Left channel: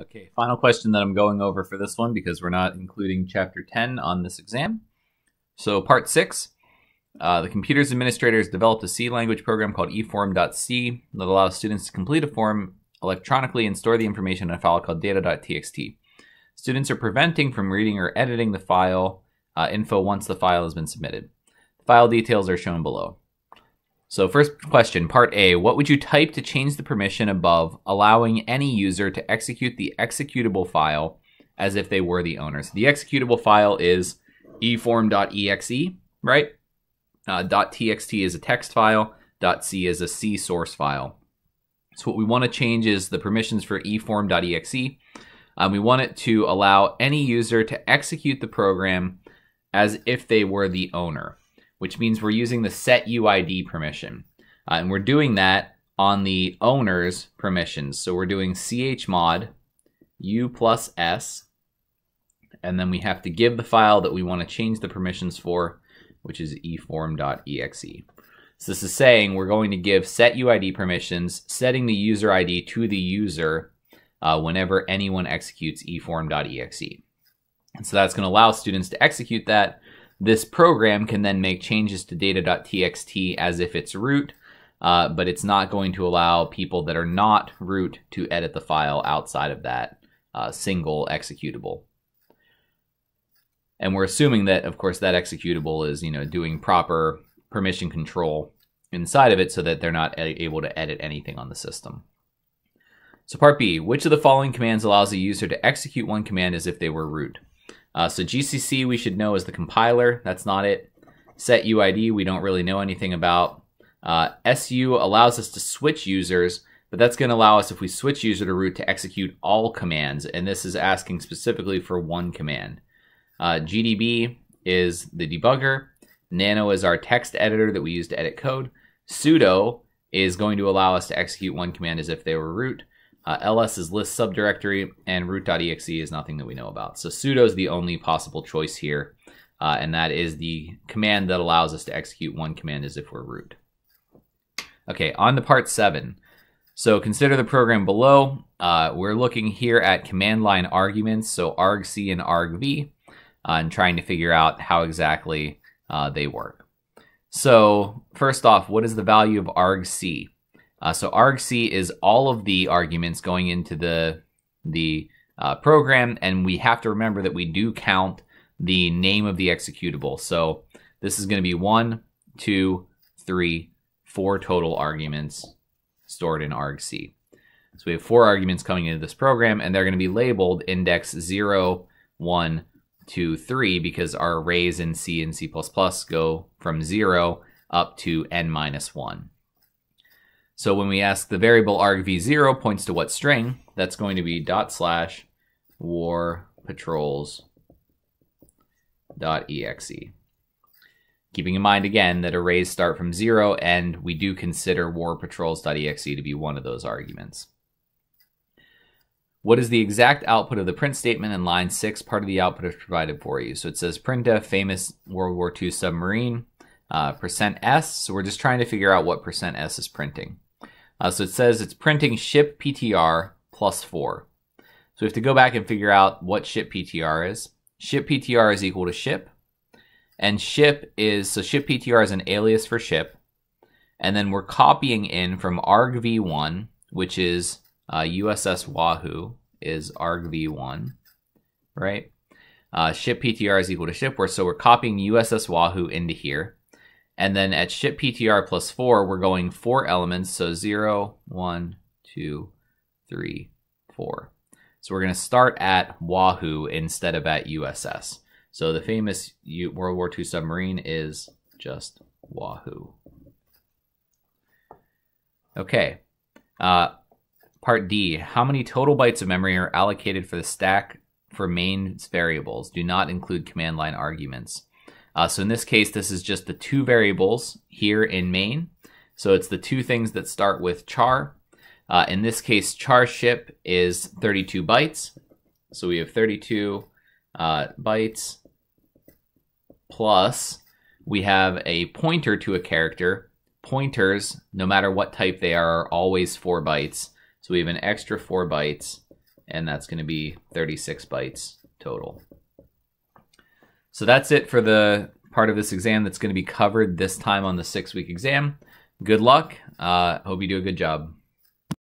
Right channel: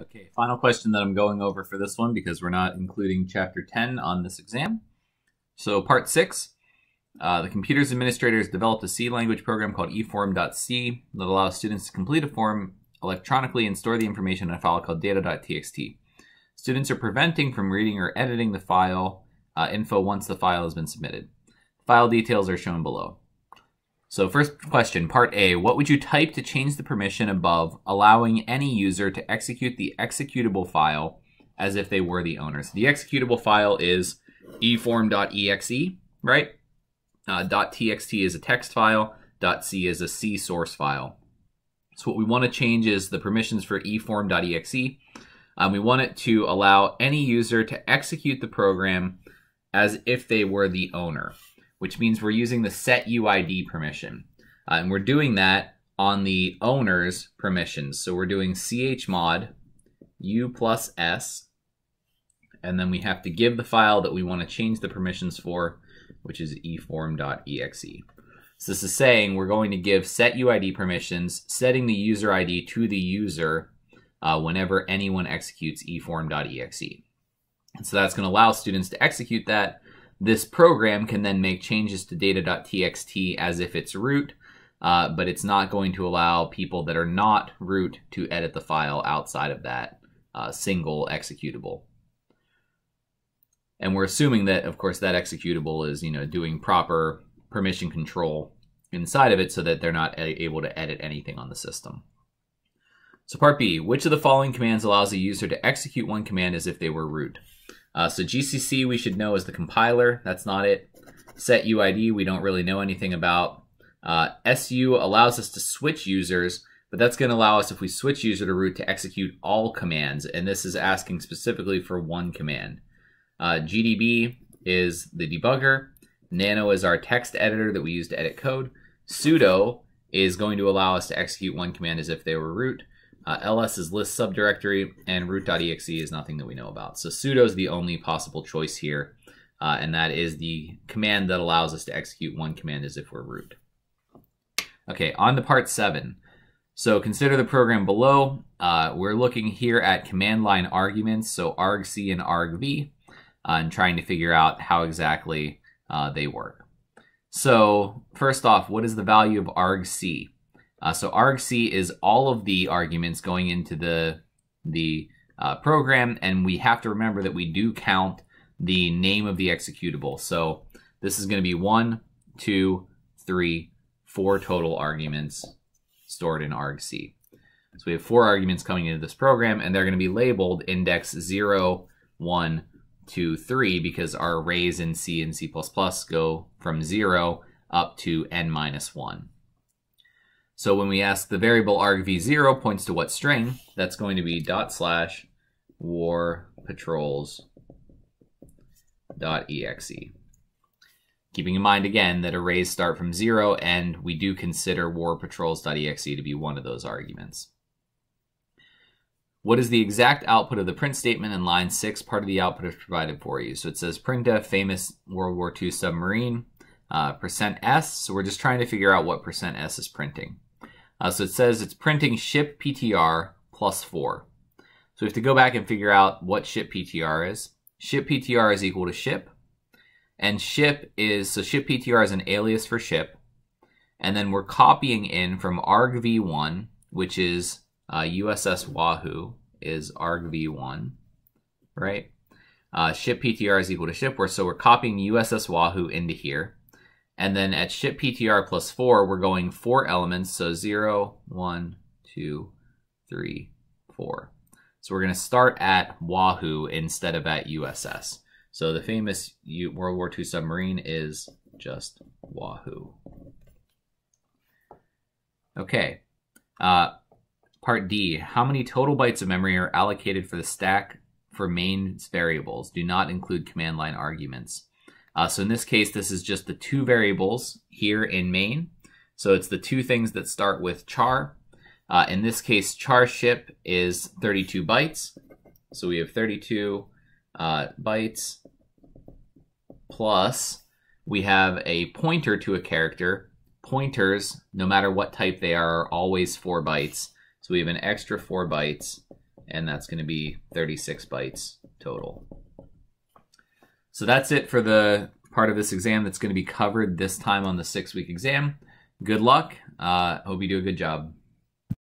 Okay, final question that I'm going over for this one because we're not including Chapter 10 on this exam. So Part 6, the computer's administrators developed a C language program called eform.c that allows students to complete a form electronically and store the information in a file called data.txt. Students are preventing from reading or editing the file info once the file has been submitted. The file details are shown below. So first question, Part A, what would you type to change the permission above, allowing any user to execute the executable file as if they were the owner? So the executable file is eform.exe, right? .txt is a text file, .c is a C source file. So what we want to change is the permissions for eform.exe. We want it to allow any user to execute the program as if they were the owner, which means we're using the setUID permission. And we're doing that on the owner's permissions. So we're doing chmod u plus s, and then we have to give the file that we want to change the permissions for, which is eform.exe. So this is saying we're going to give setUID permissions, setting the user ID to the user whenever anyone executes eform.exe. And so that's going to allow students to execute that. This program can then make changes to data.txt as if it's root, but it's not going to allow people that are not root to edit the file outside of that single executable. And we're assuming that, of course, that executable is, doing proper permission control inside of it so that they're not able to edit anything on the system. So Part B, which of the following commands allows a user to execute one command as if they were root? So GCC we should know is the compiler. That's not it. SetUID we don't really know anything about. SU allows us to switch users, but that's going to allow us, if we switch user to root, to execute all commands, and this is asking specifically for one command. GDB is the debugger. Nano is our text editor that we use to edit code. Sudo is going to allow us to execute one command as if they were root. ls is list subdirectory, and root.exe is nothing that we know about. So sudo is the only possible choice here, and that is the command that allows us to execute one command as if we're root. Okay, on to Part 7. So consider the program below. We're looking here at command line arguments, so argc and argv, and trying to figure out how exactly they work. So first off, what is the value of argc? So argc is all of the arguments going into the program, and we have to remember that we do count the name of the executable. So this is going to be 1, 2, 3, 4 total arguments stored in argc. So we have 4 arguments coming into this program, and they're going to be labeled index 0, 1, 2, 3, because our arrays in C and C++ go from 0 up to n-1. So when we ask the variable argv0 points to what string, that's going to be ./warpatrols.exe. Keeping in mind again that arrays start from 0, and we do consider warpatrols.exe to be one of those arguments. What is the exact output of the print statement in line 6? Part of the output is provided for you. So it says printf, famous World War II submarine, %s. So we're just trying to figure out what %s is printing. So it says it's printing ship PTR plus 4. So we have to go back and figure out what ship PTR is. Ship PTR is equal to ship. And ship PTR is an alias for ship. And then we're copying in from argv1, which is USS Wahoo is argv1, right? Ship PTR is equal to ship, so we're copying USS Wahoo into here. And then at ship PTR plus 4, we're going 4 elements, so 0, 1, 2, 3, 4. So we're going to start at Wahoo instead of at USS. So the famous World War II submarine is just Wahoo. Okay. Part D, how many total bytes of memory are allocated for the stack for main variables? Do not include command line arguments. So in this case, this is just the 2 variables here in main. So it's the 2 things that start with char. In this case, char ship is 32 bytes. So we have 32 bytes plus we have a pointer to a character. Pointers, no matter what type they are always 4 bytes. So we have an extra 4 bytes and that's going to be 36 bytes total. So that's it for the part of this exam that's going to be covered this time on the 6-week exam. Good luck. Hope you do a good job.